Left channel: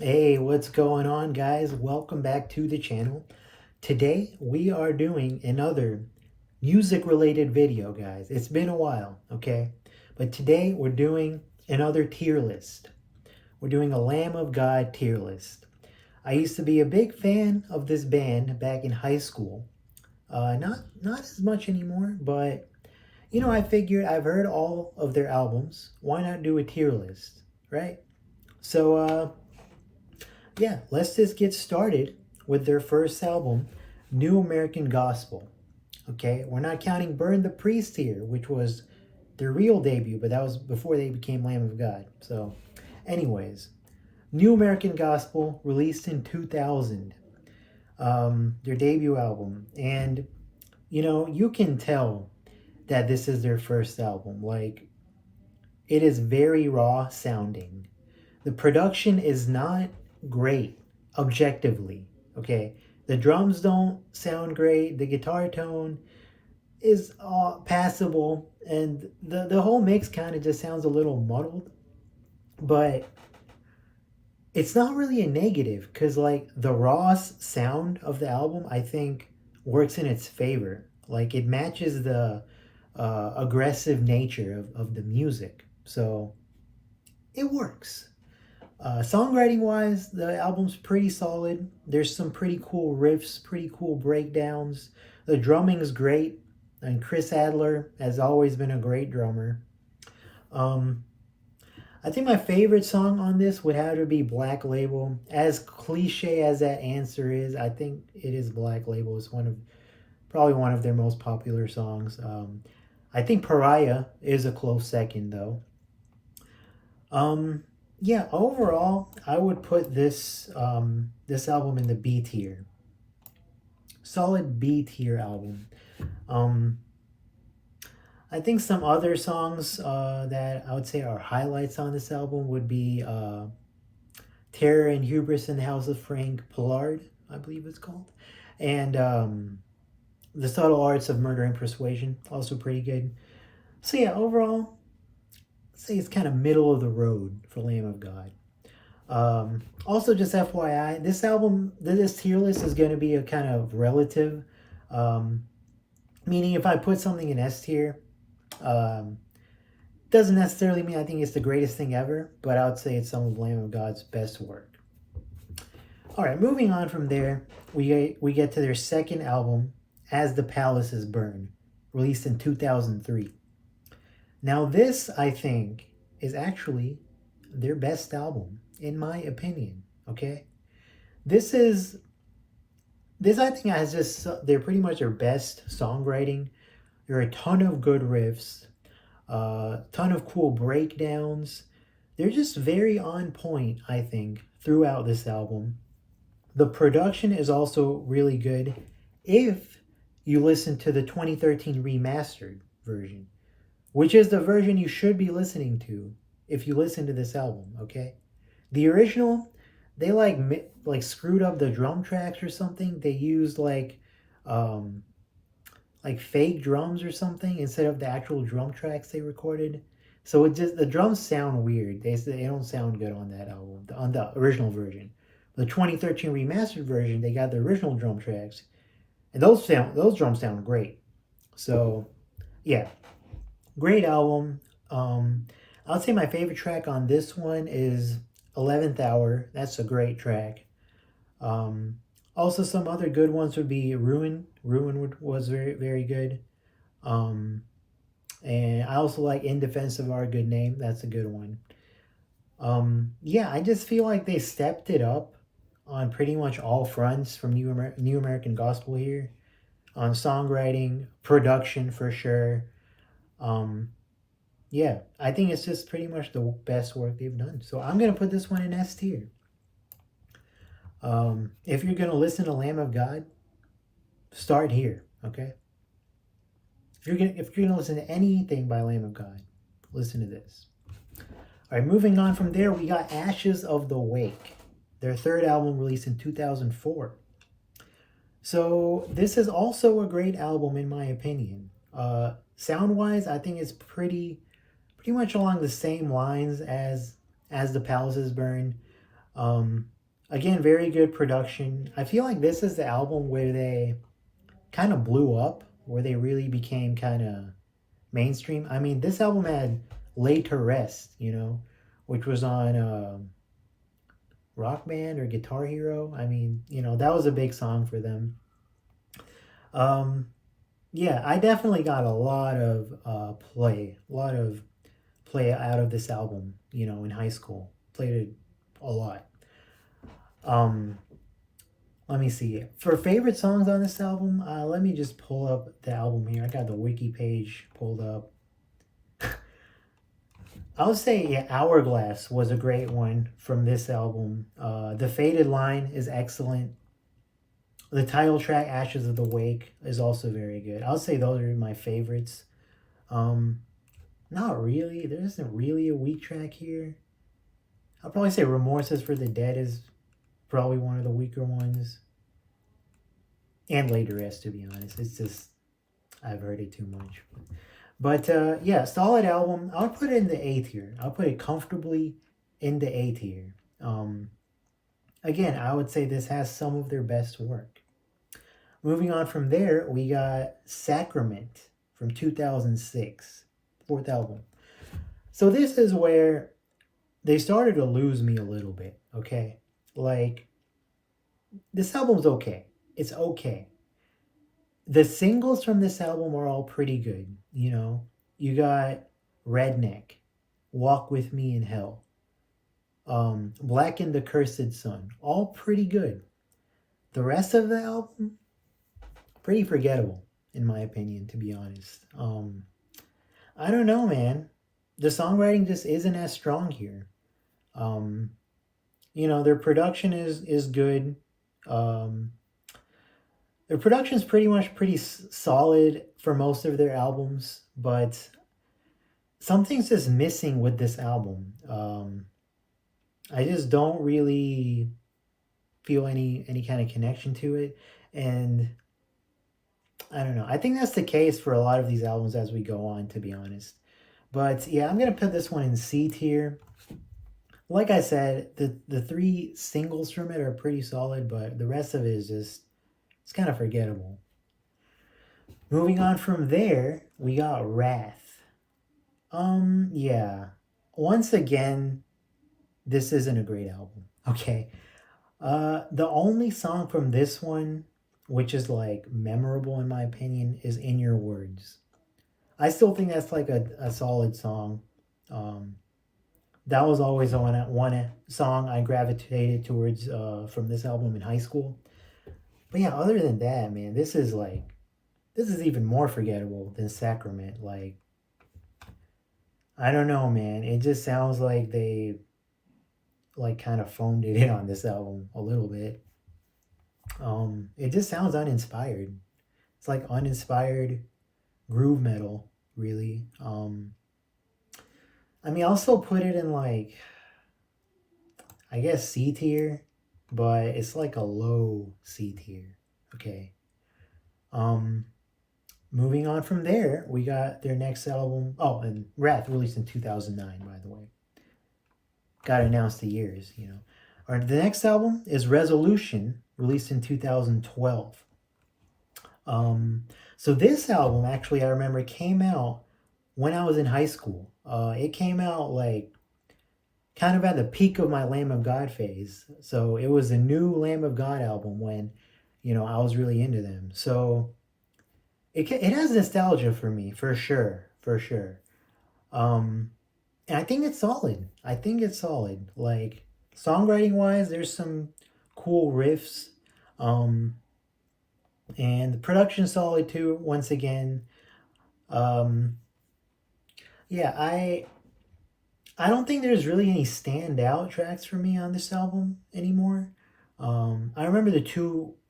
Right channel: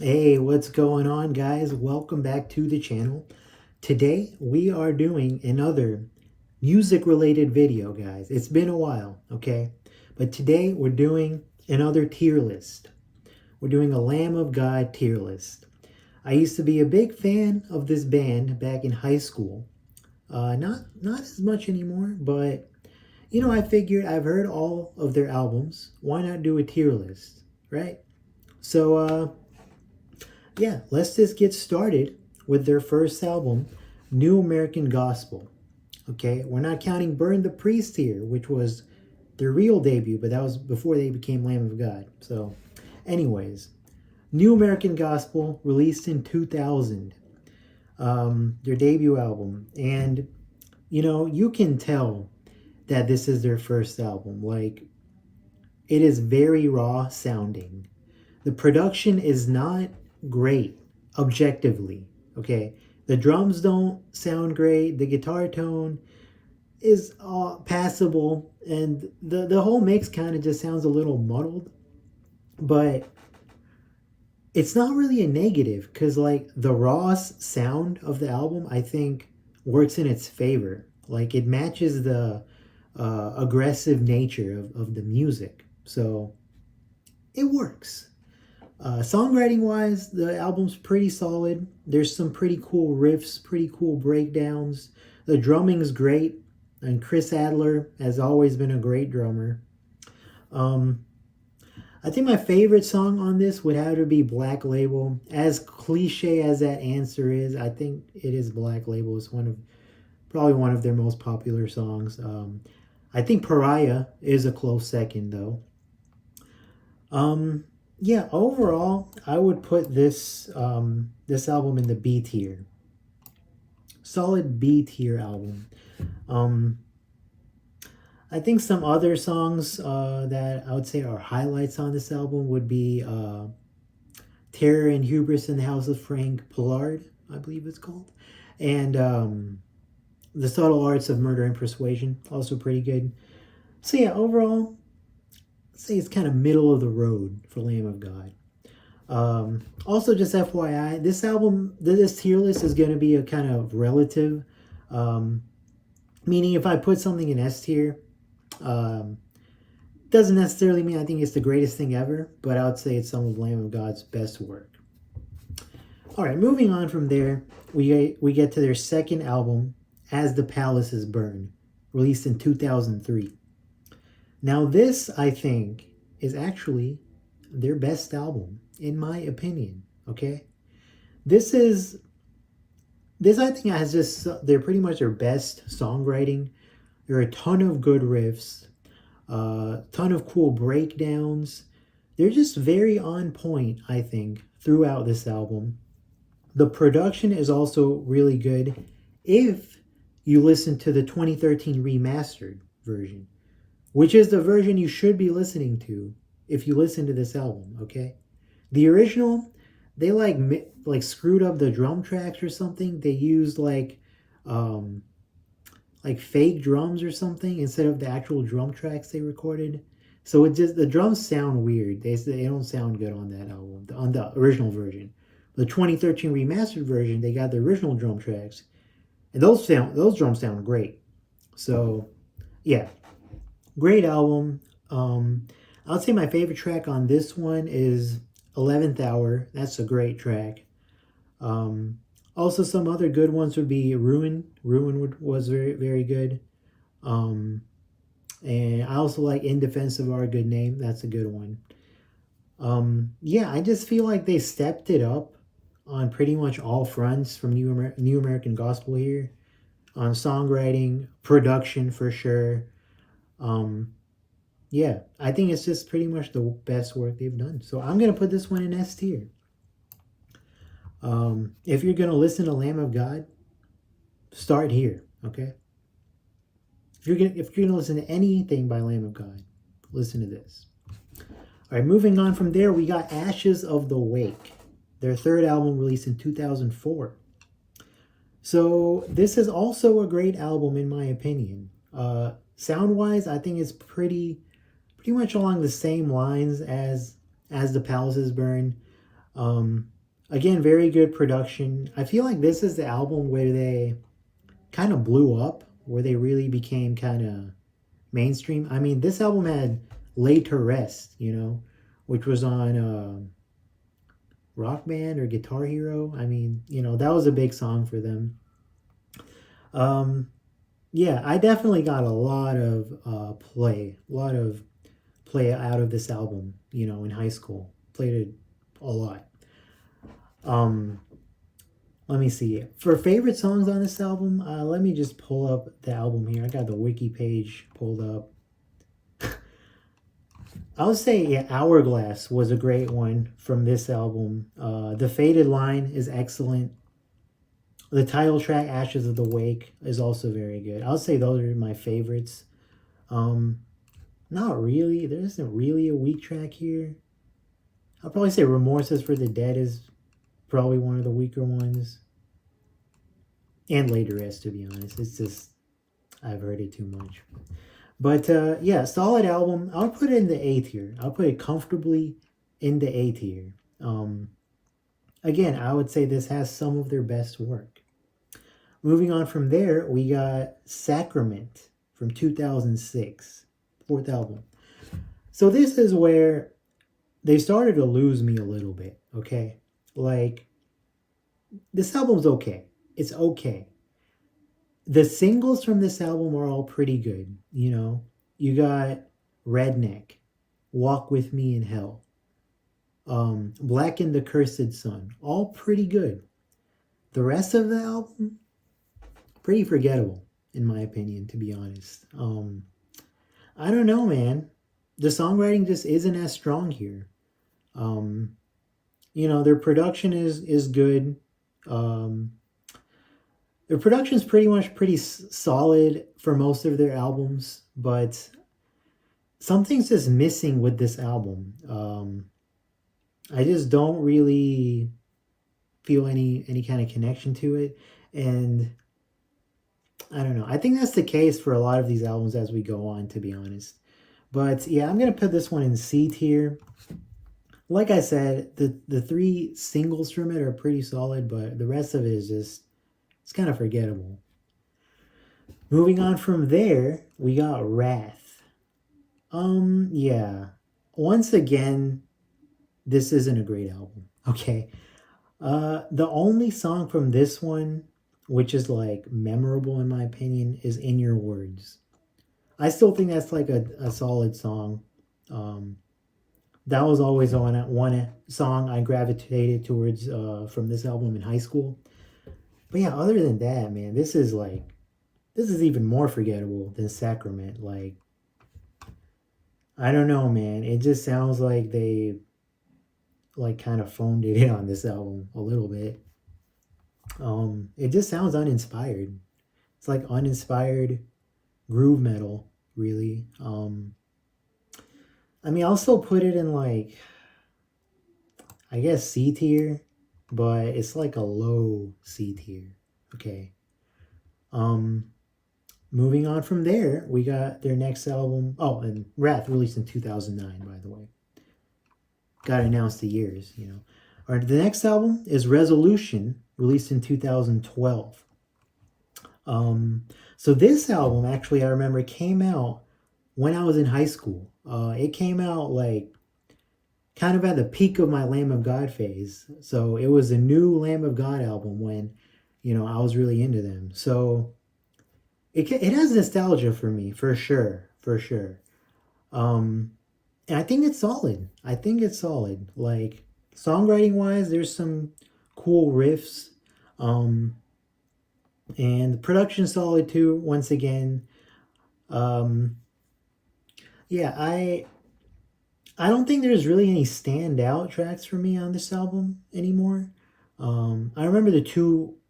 Hey, what's going on, guys? Welcome back to the channel. Today we are doing another music related video, guys. It's been a while, okay? But today we're doing another tier list. We're doing a Lamb of God tier list. I used to be a big fan of this band back in high school. Not as much anymore, but I figured I've heard all of their albums. Why not do a tier list, right? So, yeah, let's just get started with their first album, New American Gospel. Okay, we're not counting Burn the Priest here, which was their real debut, but that was before they became Lamb of God. So, anyways, New American Gospel released in 2000, their debut album. And, you can tell that this is their first album. Like, it is very raw sounding. The production is not great objectively. Okay, the drums don't sound great. The guitar tone is passable, and the whole mix kind of just sounds a little muddled. But it's not really a negative because like the raw sound of the album, I think works in its favor. Like it matches the aggressive nature of the music, so it works. Songwriting wise, the album's pretty solid. There's some pretty cool riffs, pretty cool breakdowns. The drumming's great, and Chris Adler has always been a great drummer. Um, I think my favorite song on this would have to be Black Label. As cliche as that answer is, I think it is Black Label. It's probably one of their most popular songs. I think Pariah is a close second though. Um, yeah, overall, I would put this album in the B tier. Solid B tier album. Um, I think some other songs that I would say are highlights on this album would be Terror and Hubris in the House of Frank Pollard, I believe it's called, and The Subtle Arts of Murder and Persuasion, also pretty good. So yeah, overall, I'd say it's kind of middle of the road for Lamb of God. Also, just FYI, this album, this tier list is going to be a kind of relative, um, meaning if I put something in S tier, um, doesn't necessarily mean I think it's the greatest thing ever, but I would say it's some of Lamb of God's best work. All right, moving on from there, we get to their second album, As the Palaces Burn, released in 2003. Now, this I think is actually their best album, in my opinion. Okay, this is this I think has just they're pretty much their best songwriting. There are a ton of good riffs, a ton of cool breakdowns. They're just very on point, I think, throughout this album. The production is also really good if you listen to the 2013 remastered version, which is the version you should be listening to if you listen to this album, okay? The original, they like screwed up the drum tracks or something. They used um like fake drums or something instead of the actual drum tracks they recorded. So it just the drums sound weird. They don't sound good on that album, on the original version. The 2013 remastered version, they got the original drum tracks, and those drums sound great. So yeah, great album. I'll say my favorite track on this one is 11th Hour. That's a great track. Um, Also, some other good ones would be Ruin. Was very, very good. Um, and I also like In Defense of Our Good Name. That's a good one. Yeah, I just feel like they stepped it up on pretty much all fronts from New American Gospel here. On songwriting, production for sure. Um, yeah, I think it's just pretty much the best work they've done. So I'm gonna put this one in S tier. If you're gonna listen to Lamb of God, start here. Okay. If you're gonna listen to anything by Lamb of God, listen to this. All right, moving on from there, we got Ashes of the Wake, their third album released in 2004. So this is also a great album in my opinion. Sound wise, I think it's pretty much along the same lines as the Palaces Burn. Again, very good production. I feel like this is the album where they kind of blew up, where they really became kind of mainstream. I mean, this album had Laid to Rest, which was on Rock Band or Guitar Hero. I mean, that was a big song for them. Yeah, I definitely got a lot of play out of this album, in high school. Played it a lot. Um, Let me see. For favorite songs on this album, let me just pull up the album here. I got the wiki page pulled up. I would say, yeah, Hourglass was a great one from this album. The Faded Line is excellent. The title track, Ashes of the Wake, is also very good. I'll say those are my favorites. Not really. There isn't really a weak track here. I'll probably say Remorses for the Dead is probably one of the weaker ones. And Later Rest, to be honest. It's just, I've heard it too much. But yeah, solid album. I'll put it in the A tier. I'll put it comfortably in the A tier. Again, I would say this has some of their best work. Moving on from there, we got Sacrament from 2006, fourth album. So this is where they started to lose me a little bit, okay? Like, this album's okay. It's okay. The singles from this album are all pretty good, You got Redneck, Walk With Me in Hell, Black and the Cursed Sun, all pretty good. The rest of the album, pretty forgettable, in my opinion, to be honest. I don't know, man. The songwriting just isn't as strong here. Their production is good. Their production's pretty solid for most of their albums, but something's just missing with this album. I just don't really feel any kind of connection to it, and I don't know. I think that's the case for a lot of these albums as we go on, to be honest. But yeah, I'm gonna put this one in C tier. Like I said, the three singles from it are pretty solid, but the rest of it is just, it's kind of forgettable. Moving on from there, we got Wrath. Yeah. Once again, this isn't a great album, okay? The only song from this one, which is like memorable in my opinion, is In Your Words. I still think that's like a solid song. That was always one song I gravitated towards from this album in high school. But yeah, other than that, man, this is even more forgettable than Sacrament. Like, I don't know, man. It just sounds like they like kind of phoned it in on this album a little bit. It just sounds uninspired. It's like uninspired groove metal, really. I mean, I'll still put it in like, I guess C tier, but it's like a low C tier. Okay. Moving on from there, we got their next album. Oh, and Wrath, released in 2009, by the way. Got announced the years, All right, the next album is Resolution, released in 2012. So this album, actually, I remember came out when I was in high school. It came out like kind of at the peak of my Lamb of God phase. So it was a new Lamb of God album when, I was really into them. So it has nostalgia for me, for sure. And I think it's solid. Like, songwriting wise, there's some cool riffs. And the production's solid too, once again. Yeah, I don't think there's really any standout tracks for me on this album anymore. I remember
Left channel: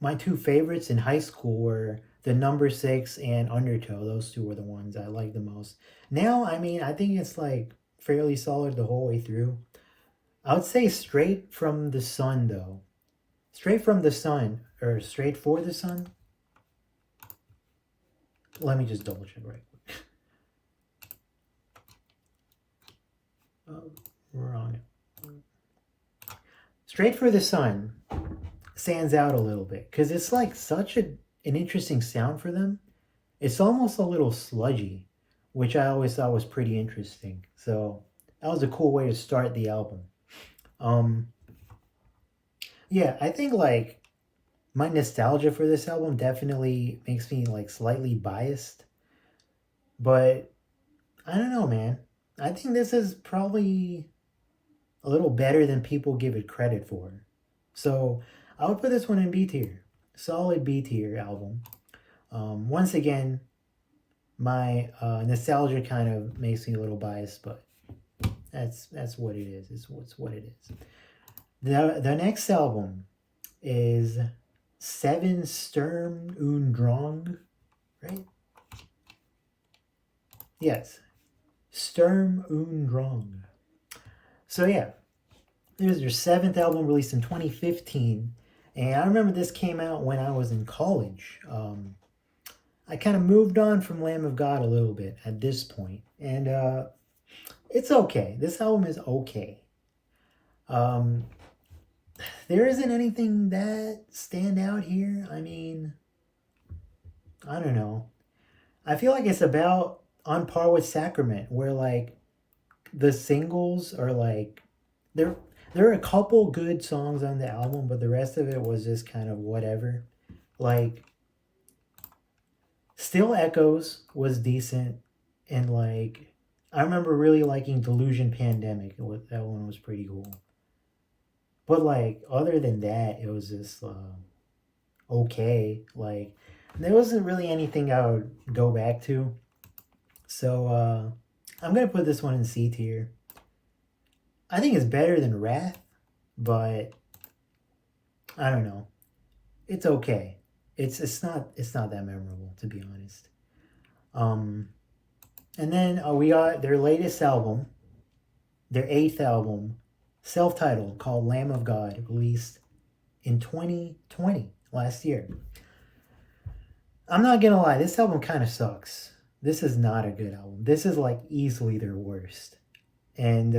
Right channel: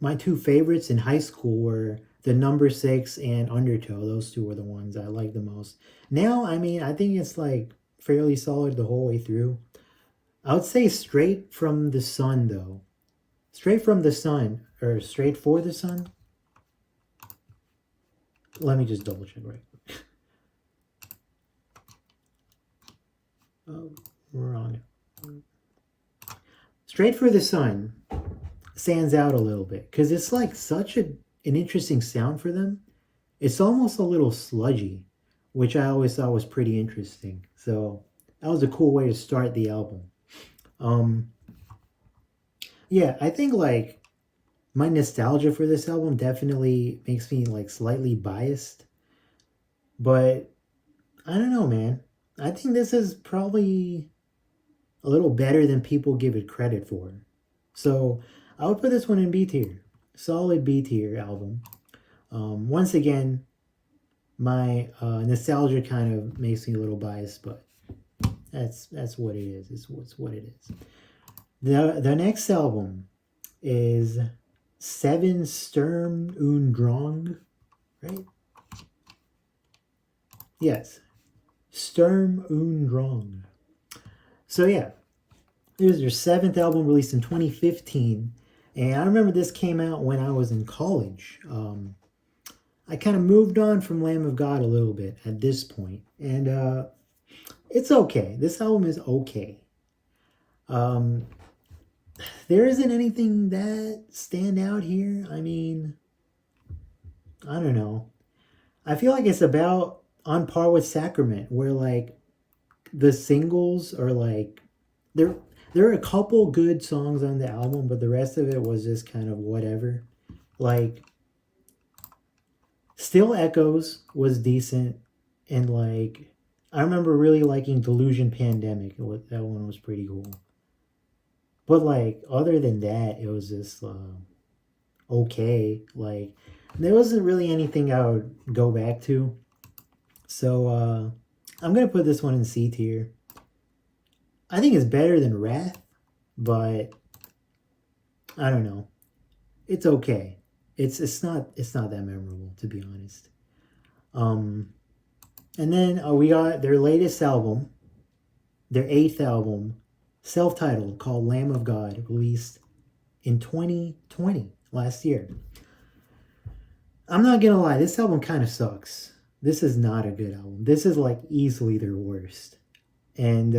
my two favorites in high school were the Number 6 and Undertow. Those two were the ones I liked the most. Now, I mean, I think it's like fairly solid the whole way through. I would say Straight From the Sun, though. Straight From the Sun, or Straight For the Sun. Let me just double check right quick. Oh, wrong. Straight for the Sun stands out a little bit because it's like such an interesting sound for them. It's almost a little sludgy, which I always thought was pretty interesting. So that was a cool way to start the album. Um, yeah, I think like my nostalgia for this album definitely makes me like slightly biased, but I don't know, man. I think this is probably a little better than people give it credit for. So I would put this one in B tier. Solid B tier album. Once again, my nostalgia kind of makes me a little biased, but that's what it is. It's what it is. The next album is Seven Sturm und Drang, right? Yes, Sturm und Drang. So yeah, it was their seventh album released in 2015, and I remember this came out when I was in college. I kind of moved on from Lamb of God a little bit at this point, and it's okay. This album is okay. There isn't anything that stand out here. I mean, I don't know. I feel like it's about on par with Sacrament, where like the singles are like there are a couple good songs on the album, but the rest of it was just kind of whatever. Like Still Echoes was decent, and like I remember really liking Delusion Pandemic. That one was pretty cool. But like other than that, it was just okay. Like there wasn't really anything I would go back to. So I'm gonna put this one in C tier. I think it's better than Wrath, but I don't know. It's okay. It's not that memorable, to be honest. And then we got their latest album, their 8th album, self-titled, called Lamb of God, released in 2020, last year. I'm not gonna lie, this album kind of sucks. This is not a good album. This is like easily their worst. And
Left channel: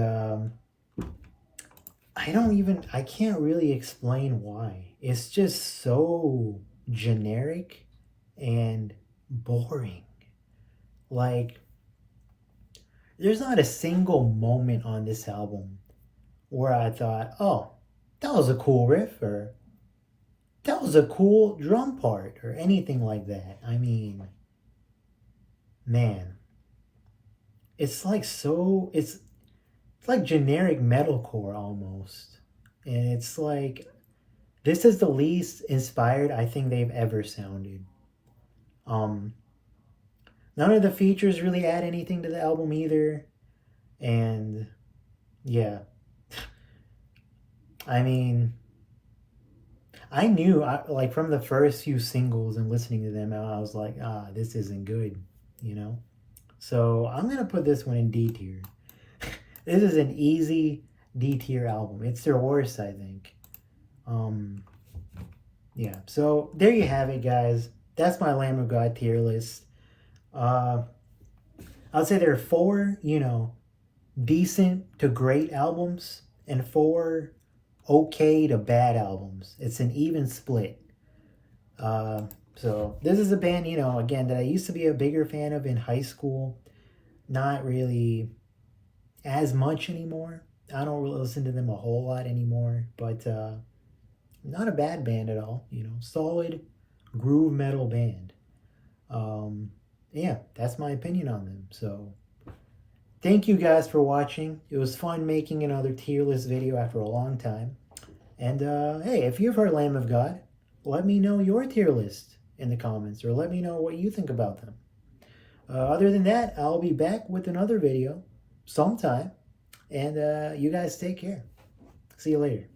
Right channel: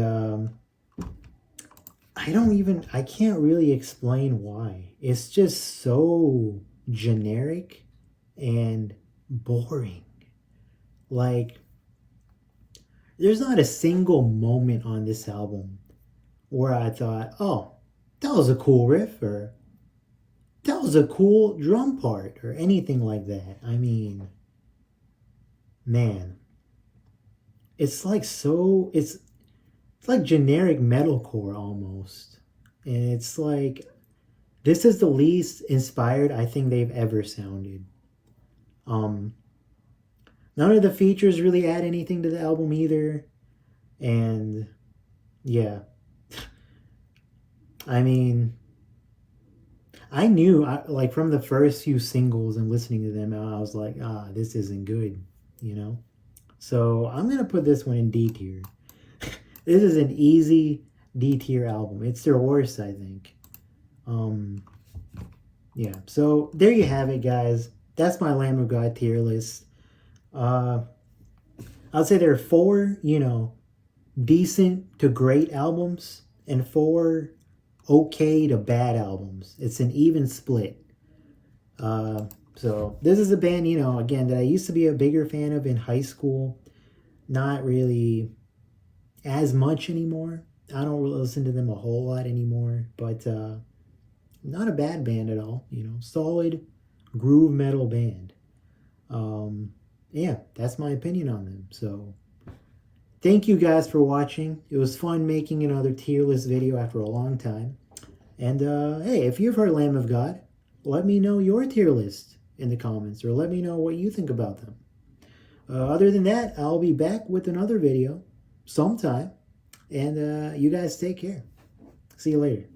I can't really explain why. It's just so generic and boring. Like, there's not a single moment on this album where I thought, oh, that was a cool riff, or that was a cool drum part, or anything like that. I mean, man, it's like it's like generic metalcore almost. And it's like, this is the least inspired I think they've ever sounded. None of the features really add anything to the album either. And yeah. I mean, I knew, like, from the first few singles and listening to them, I was like, this isn't good, you know? So I'm going to put this one in D tier. This is an easy D tier album. It's their worst, I think. Yeah, so there you have it, guys. That's my Lamb of God tier list. I'd say there are 4, decent to great albums and 4 okay to bad albums. It's an even split. So this is a band, again, that I used to be a bigger fan of in high school. Not really as much anymore. I don't really listen to them a whole lot anymore, but not a bad band at all. Solid groove metal band. Yeah, that's my opinion on them. So thank you guys for watching. It was fun making another tier list video after a long time. And hey, if you've heard Lamb of God, let me know your tier list in the comments, or let me know what you think about them. Other than that, I'll be back with another video sometime. And you guys take care. See you later.